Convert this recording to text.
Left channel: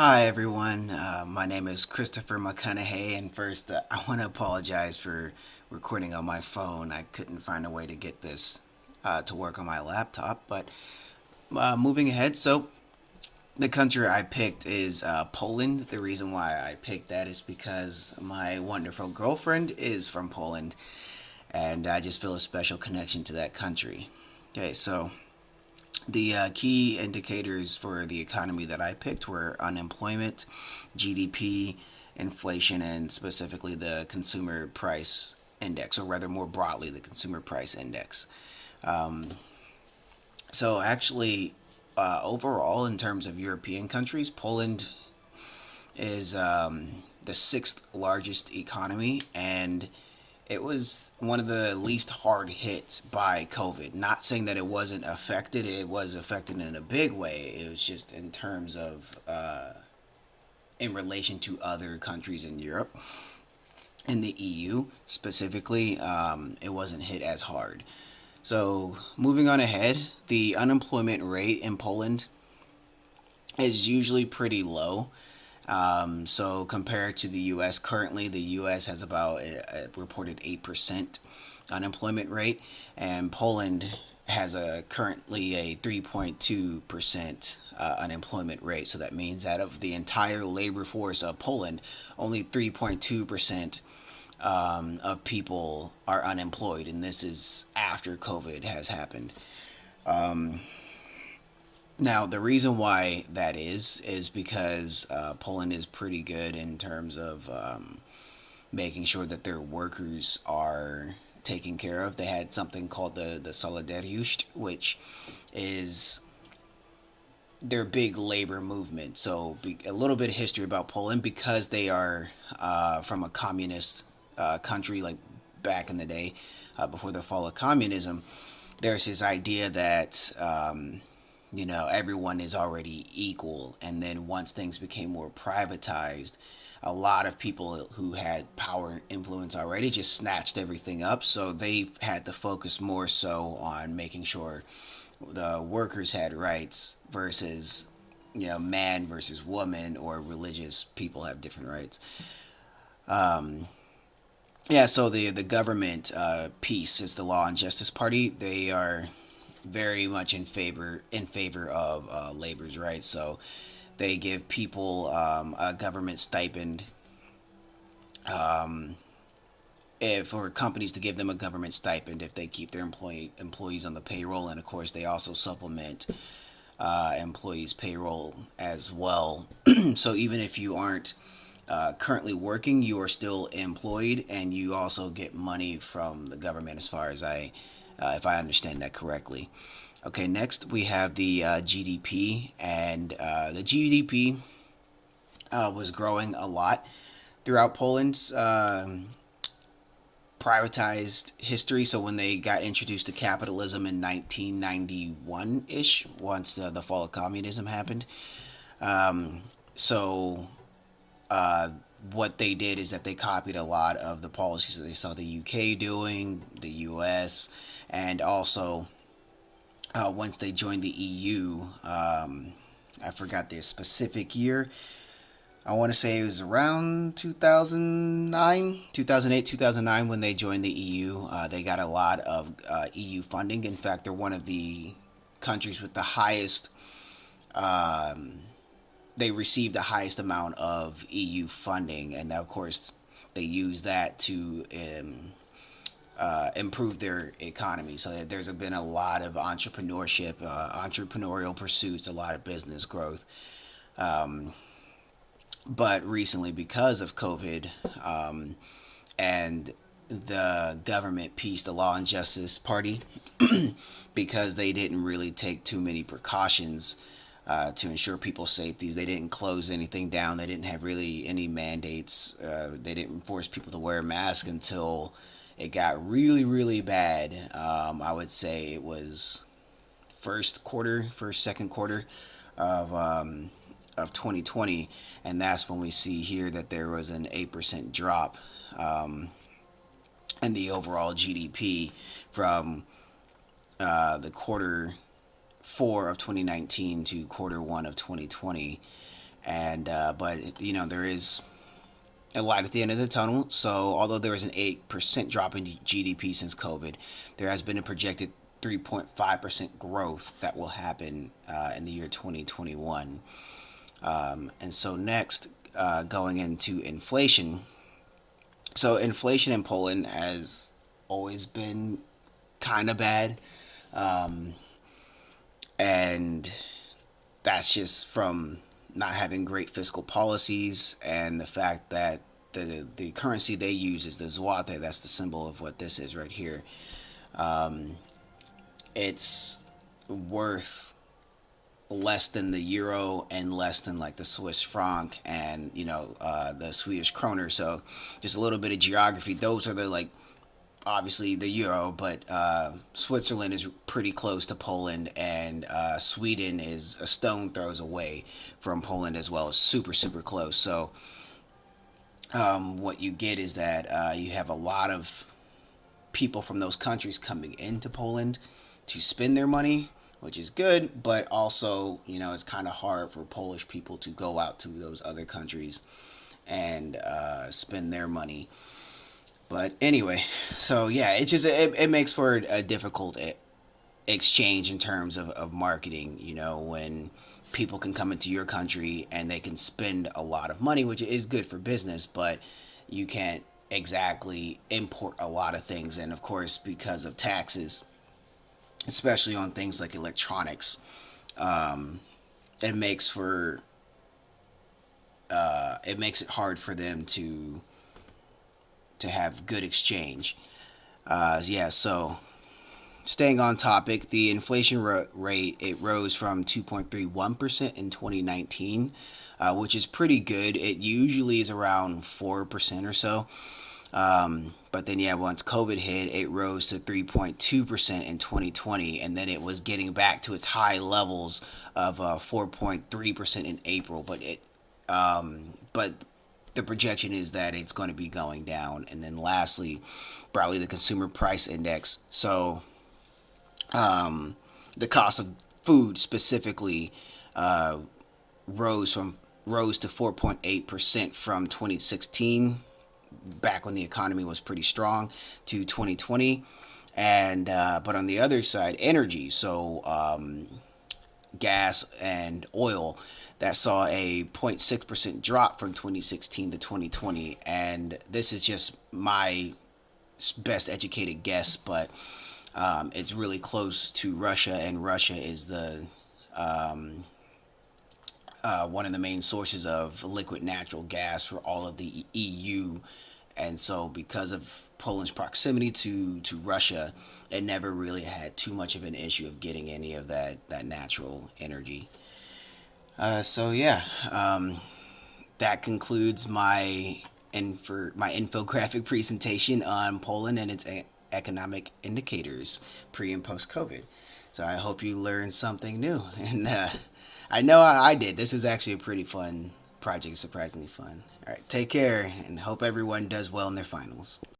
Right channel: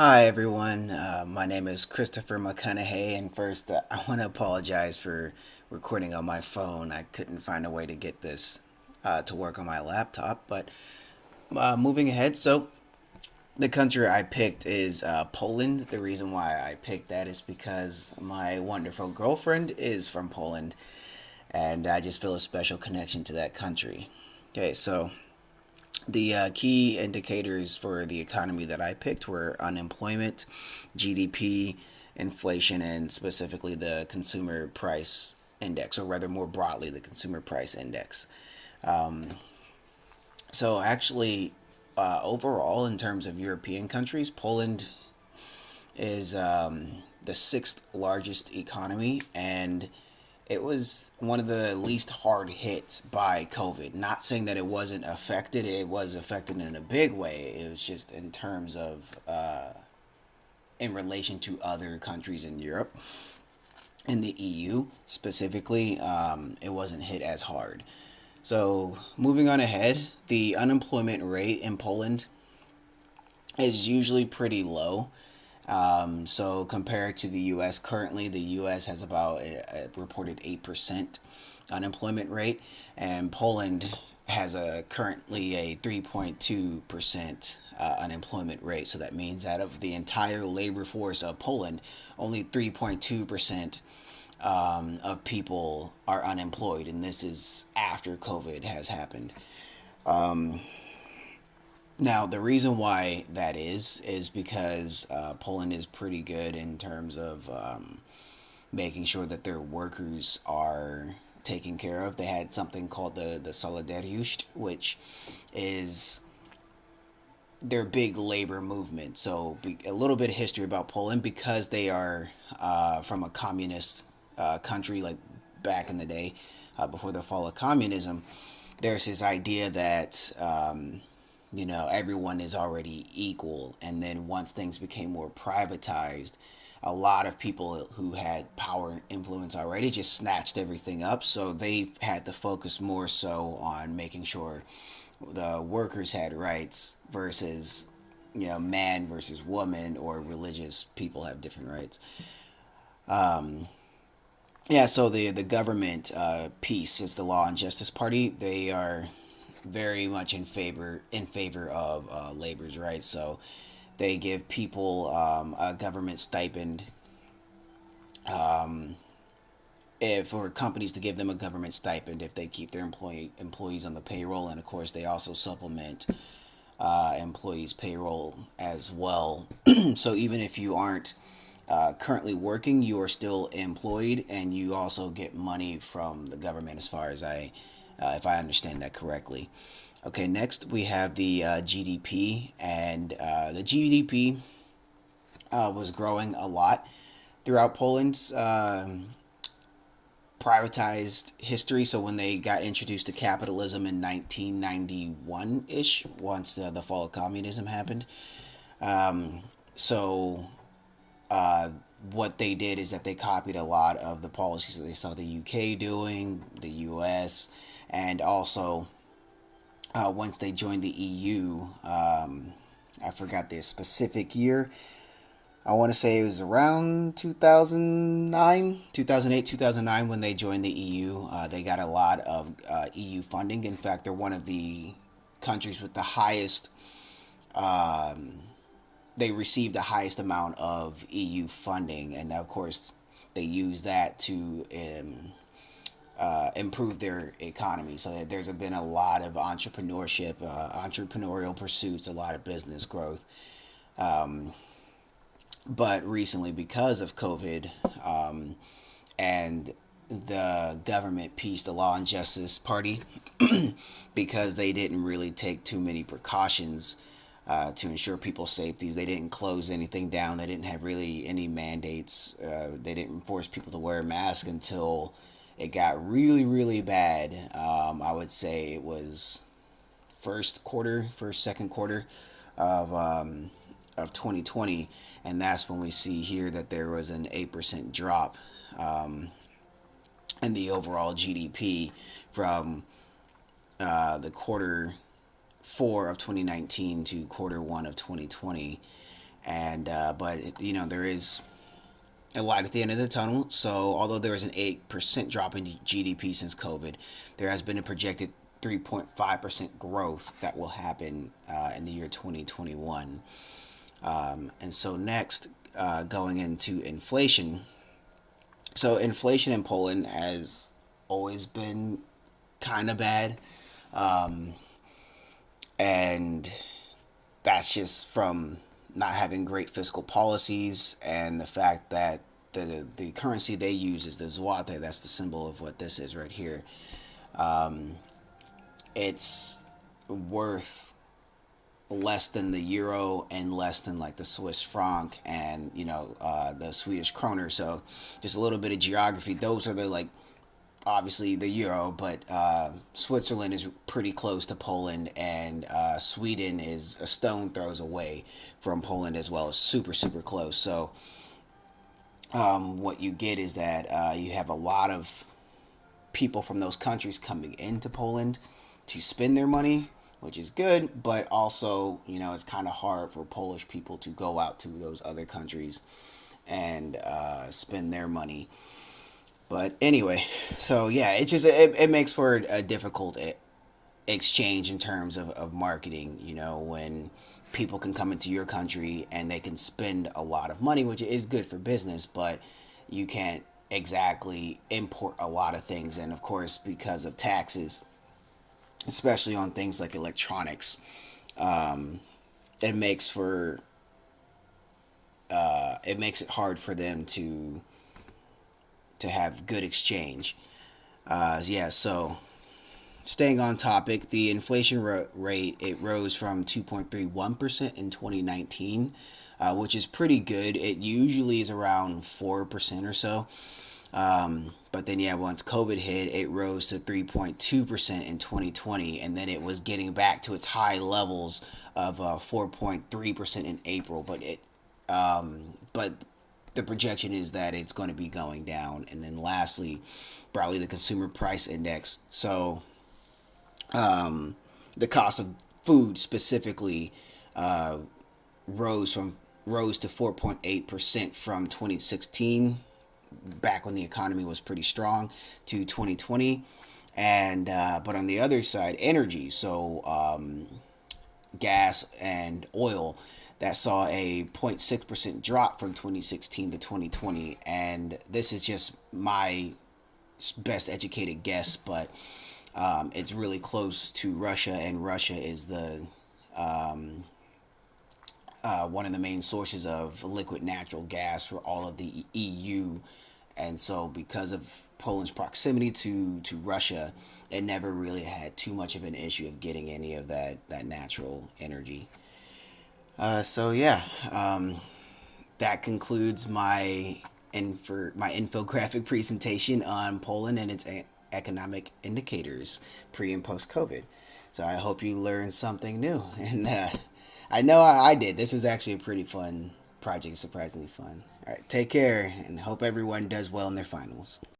Hi everyone, my name is Christopher McConaughey, and first I want to apologize for recording on my phone. I couldn't find a way to get this to work on my laptop, but moving ahead, so the country I picked is Poland. The reason why I picked that is because my wonderful girlfriend is from Poland, and I just feel a special connection to that country. Okay, so the key indicators for the economy that I picked were unemployment, GDP, inflation, and specifically the consumer price index, or rather, more broadly, the consumer price index. Um, so, actually, overall, in terms of European countries, Poland is the sixth largest economy, and it was one of the least hard hit by COVID. Not saying that it wasn't affected, it was affected in a big way. It was just in terms of, in relation to other countries in Europe, in the EU specifically, it wasn't hit as hard. So, moving on ahead, the unemployment rate in Poland is usually pretty low. So compared to the U.S., currently the U.S. has about a reported 8% unemployment rate, and Poland has a currently a 3.2% unemployment rate. So that means that of the entire labor force of Poland, only 3.2% of people are unemployed, and this is after COVID has happened. Now, the reason why that is because Poland is pretty good in terms of making sure that their workers are taken care of. They had something called the Solidariusz, which is their big labor movement. So, a little bit of history about Poland because they are from a communist country, like back in the day, before the fall of communism. There's this idea that everyone is already equal. And then once things became more privatized, a lot of people who had power and influence already just snatched everything up. So they had to focus more so on making sure the workers had rights versus, man versus woman, or religious people have different rights. Yeah, so the government piece is the Law and Justice Party. They are very much in favor of labor's rights. So they give people a government stipend, if for companies to give them a government stipend if they keep their employees on the payroll, and of course they also supplement employees' payroll as well. So even if you aren't currently working, you are still employed, and you also get money from the government, as far as if I understand that correctly. Okay, next we have the GDP, and the GDP was growing a lot throughout Poland's privatized history. So when they got introduced to capitalism in 1991 ish, once the fall of communism happened, so what they did is that they copied a lot of the policies that they saw the UK doing, the US, and also once they joined the EU. I forgot the specific year. I want to say it was around 2009, 2008, 2009 when they joined the EU. They got a lot of EU funding. In fact, they're one of the countries with the highest, they received the highest amount of EU funding. And of course, they use that to improve their economy. So there's been a lot of entrepreneurship, entrepreneurial pursuits, a lot of business growth. But recently, because of COVID, and the government piece, the Law and Justice Party, because they didn't really take too many precautions to ensure people's safety. They didn't close anything down. They didn't have really any mandates. They didn't force people to wear a mask until it got really, really bad. I would say it was second quarter of 2020, and that's when we see here that there was an 8% drop in the overall GDP from the quarter four of 2019 to quarter one of 2020. And but there is a light at the end of the tunnel. So although there is an 8% drop in GDP since COVID, there has been a projected 3.5% growth that will happen in the year 2021. And so next, going into inflation. So inflation in Poland has always been kind of bad, and that's just from not having great fiscal policies and the fact that the currency they use is the zloty. That's the symbol of what this is right here. It's worth less than the euro and less than like the Swiss franc and the Swedish kroner. So just a little bit of geography. Those are the like obviously the euro, but Switzerland is pretty close to Poland, and Sweden is a stone throws away from Poland as well. Super super close. So what you get is that you have a lot of people from those countries coming into Poland to spend their money, which is good, but also, it's kind of hard for Polish people to go out to those other countries and spend their money. But anyway, so yeah, it makes for a difficult exchange in terms of marketing, when people can come into your country and they can spend a lot of money, which is good for business, but you can't exactly import a lot of things. And of course, because of taxes, especially on things like electronics, it makes for it makes it hard for them to have good exchange. Yeah, so staying on topic, the inflation rate it rose from 2.31% in 2019, which is pretty good. It usually is around 4% or so. But then, yeah, once COVID hit, it rose to 3.2% in 2020, and then it was getting back to its high levels of 4.3% in April. But the projection is that it's going to be going down. And then, lastly, probably the consumer price index. So, the cost of food specifically uh, rose to 4.8% from 2016, back when the economy was pretty strong, to 2020. And but on the other side, energy, so gas and oil, that saw a 0.6% drop from 2016 to 2020. And this is just my best educated guess, but it's really close to Russia, and Russia is the one of the main sources of liquid natural gas for all of the EU. And so, because of Poland's proximity to Russia, it never really had too much of an issue of getting any of that natural energy. So yeah, that concludes my infographic presentation on Poland and its economic indicators pre and post COVID. So I hope you learned something new, and I know I did. This is actually a pretty fun project, surprisingly fun. All right, take care, and hope everyone does well in their finals.